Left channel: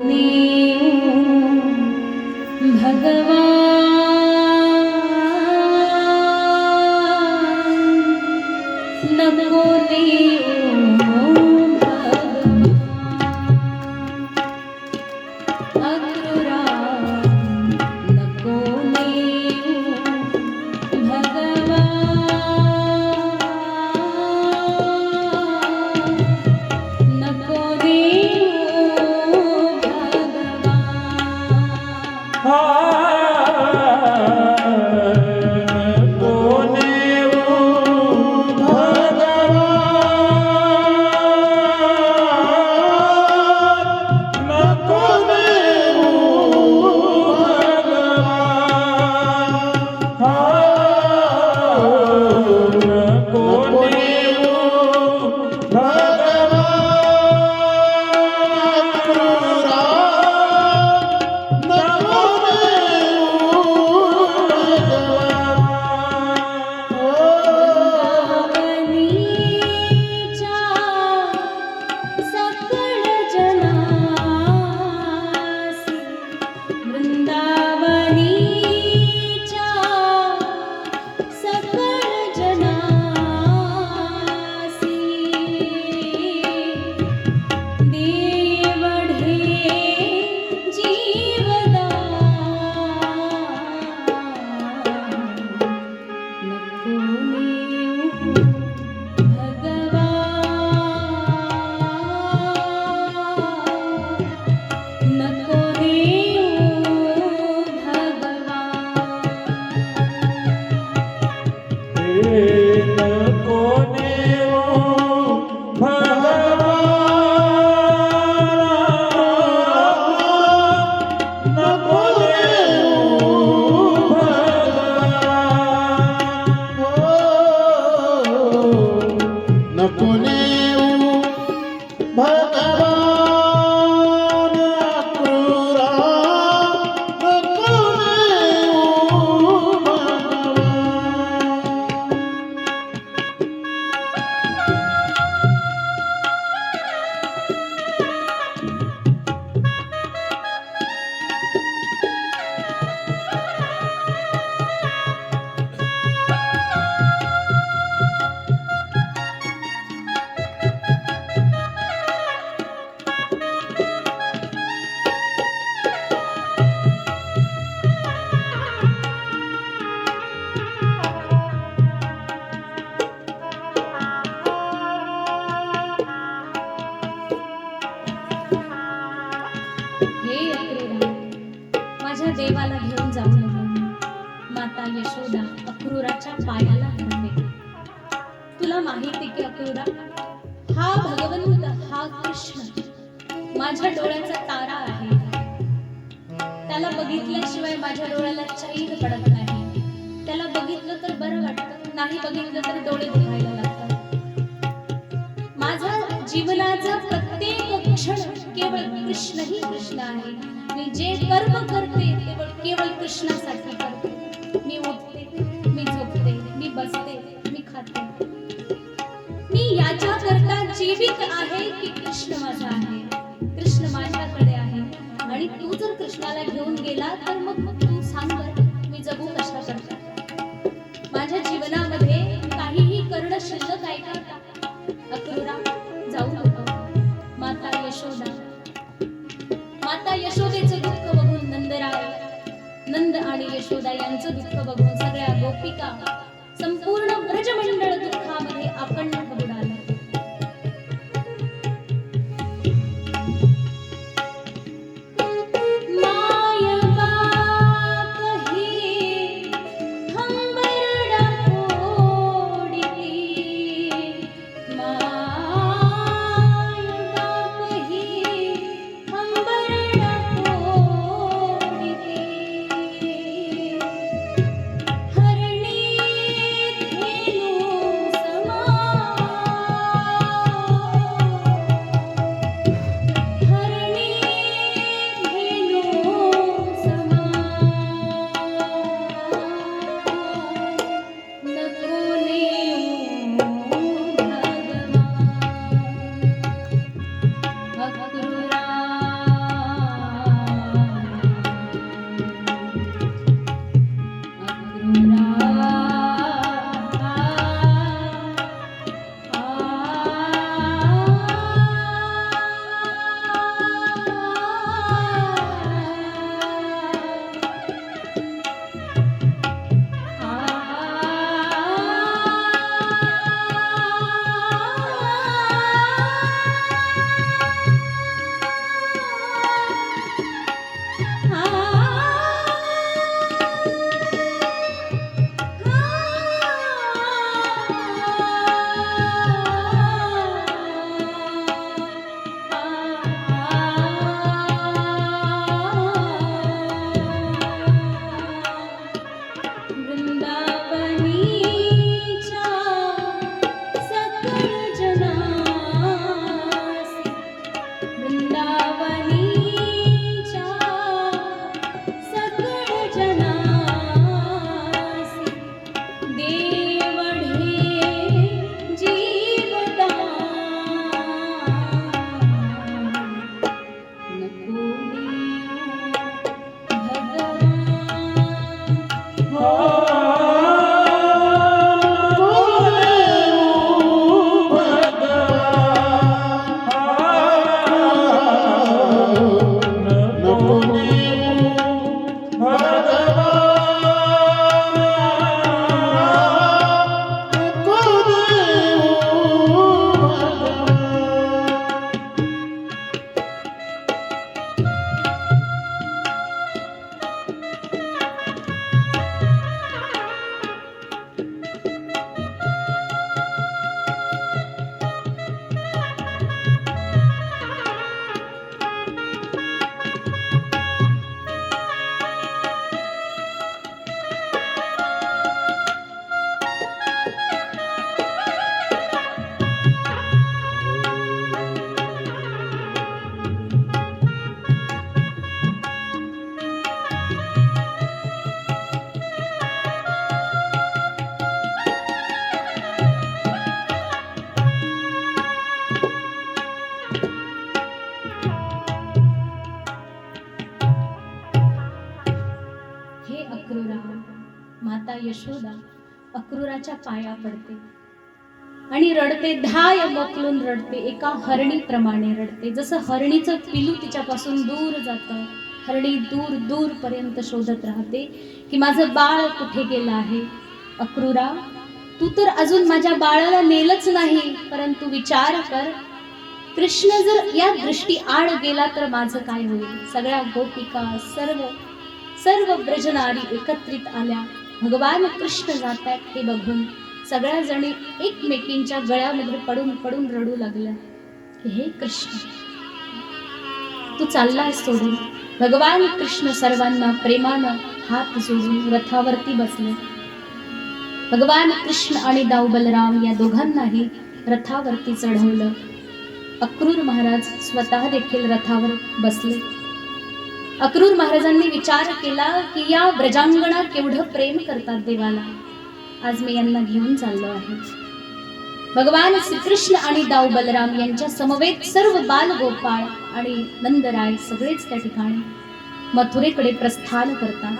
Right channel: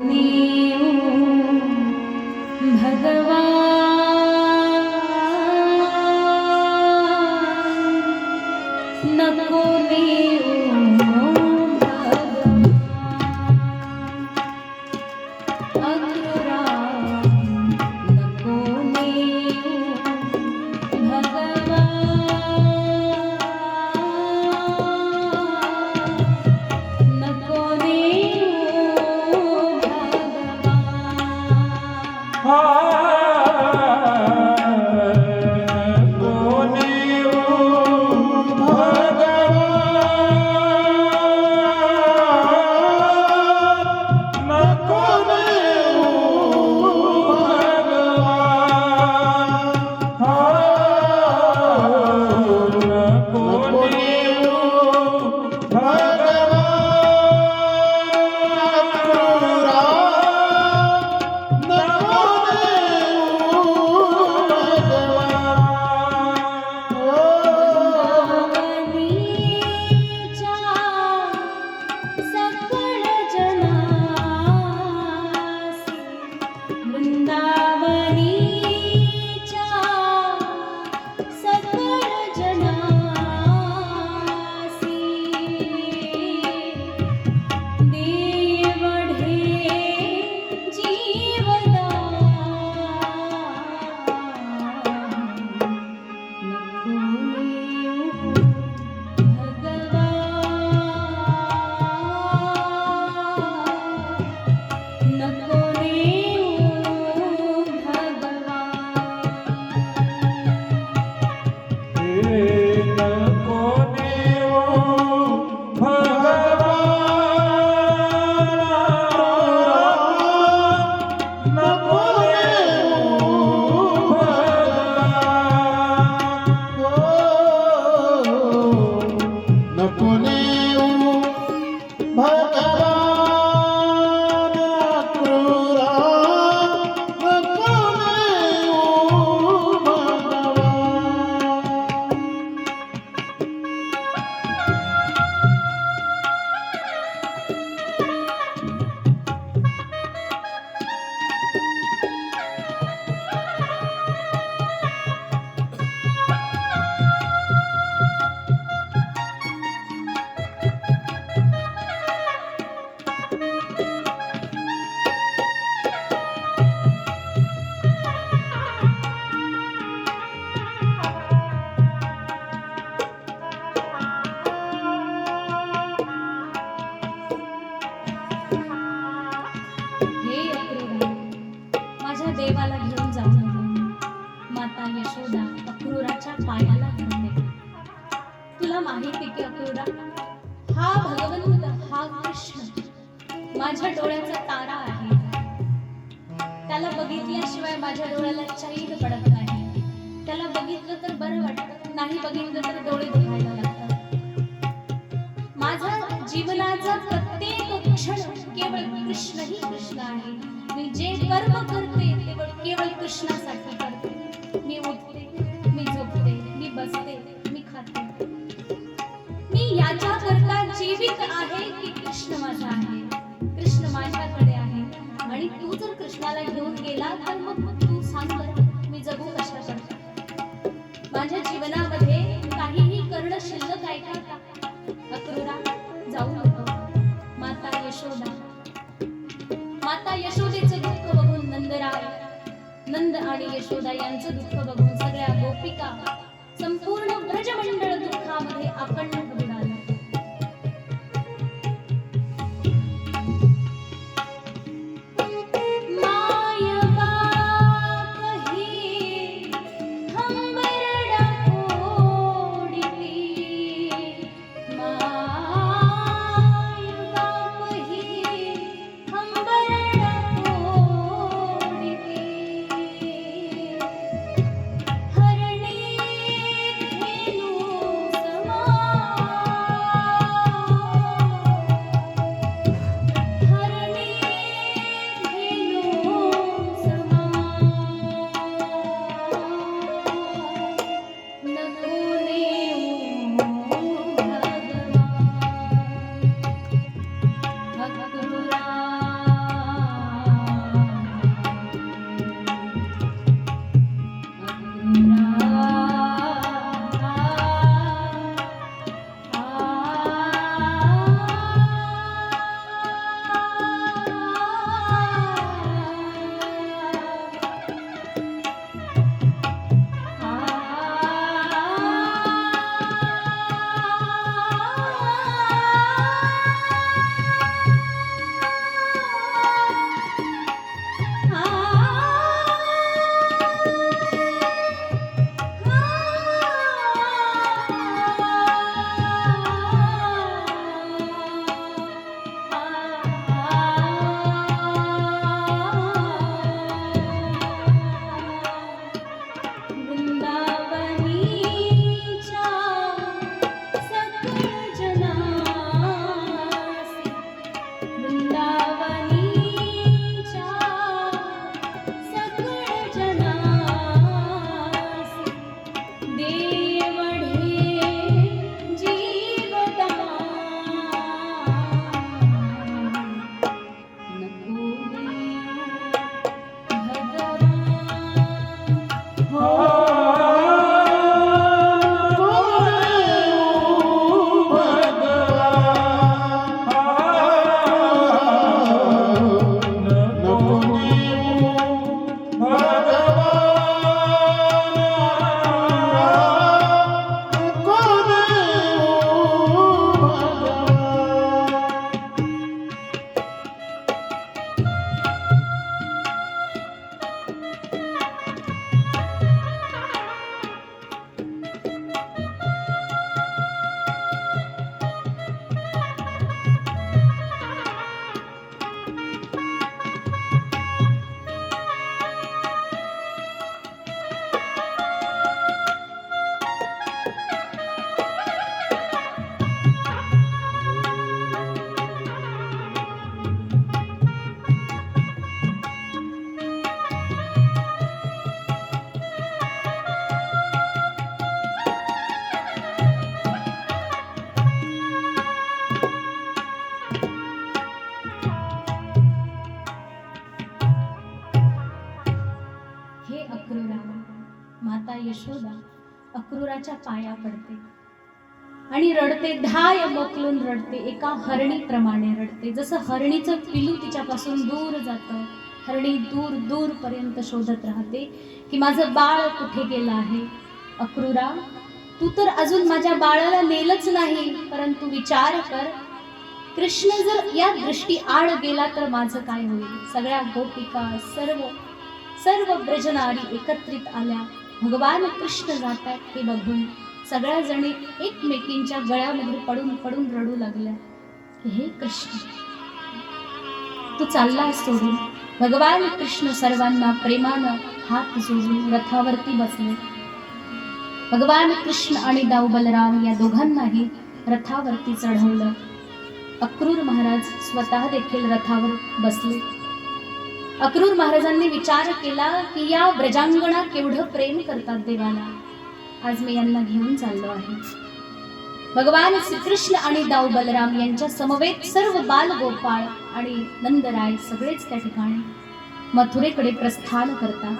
नको माझ्या देवाला घेऊन जाऊ माता यशोदा अक्रूराच्या पायाला धरते. तुला माहिती की अक्रूरा हा भगवंत हा कृष्ण माझ्या डोळ्याचा तारा आहे. त्याला बघितल्याशिवाय माझ्या डोळ्याला चैन पडत नाही. त्याला बघितलं तर बरं वाटतं, नाही बघितलं तर डोळे दुखायला लागतात. माझा जीवनाचा प्रत्येक क्षण केवळ कृष्ण ही कृष्ण आहे. मी जे कर्म करते केवळ कृष्णासाठी करते. मी उठते, मी झोपते, मी बसते, मी खाते, मी याच्याकरता जीवित आहे की कृष्ण माझा आहे, कृष्ण माझ्याकडे आहे. आणि तू जर कृष्णाला घेऊन गेला तर मग तू सांग बरं मी जगू कशा करता. माझ्या जीवनामध्ये काहीही करणं शिल्लक आहे का? अक्रूरा जाऊ नको. माता यशोदा, माता यशोदेचं दुःख बघून नंद आणि यशोदा यांचं दुःख बघून सगळ्या गोपिका संपूर्ण ब्रजमंडळ दुःखामध्ये आपण बुडाला. नको भगवान माता यशोदा अक्रूराच्या पाया पडते आणि रडते, धाय मोकलून रडते, एका हरणीप्रमाणे रडते. जसं हरणीचं पिलू तिच्यापासून दूर जातं, हरणी दूर दूर पर्यंत शोधत राहते की माझं बाळ कुठे गेलं आहे. अक्रूरा, तू तर अजून माझ्या बाळाला नेलंच नाही, परंतु विचार कर, कृष्ण जर या दृष्टी आड गेला तर माझं काय होईल. सगळ्या गोपिका, सर्व ब्रजनारी एकत्रित आल्या. भगवान कृष्ण जातात हे बघून सगळ्या जणी एकमेकींच्या गळ्यामध्ये पडून पडून रडू लागल्या की हे कृष्ण, तू चाललास सोडून. भगवान कृष्ण सर्वांना प्रेमानं हात जोडून रथावरती बसले. भगवान कृष्ण आणि दाऊ बलराम या दोघांनाही रथावरती चढवलं. अक्रूर महाराज स्वतः देखील रथावर बसले. अक्रूर महाराजांनी विचार केला की या ब्रजांगणा केवढं प्रेम करतात देवाला, आज मी यांना घेऊन चाललो आहे. भगवान श्रीकृष्ण आणि दाऊ बलराम यांच्या समवेत सर्व बाल गोपाळ आणि नंदराय सगळेच त्या ठिकाणी मथुरेकडे प्रस्थान करतात.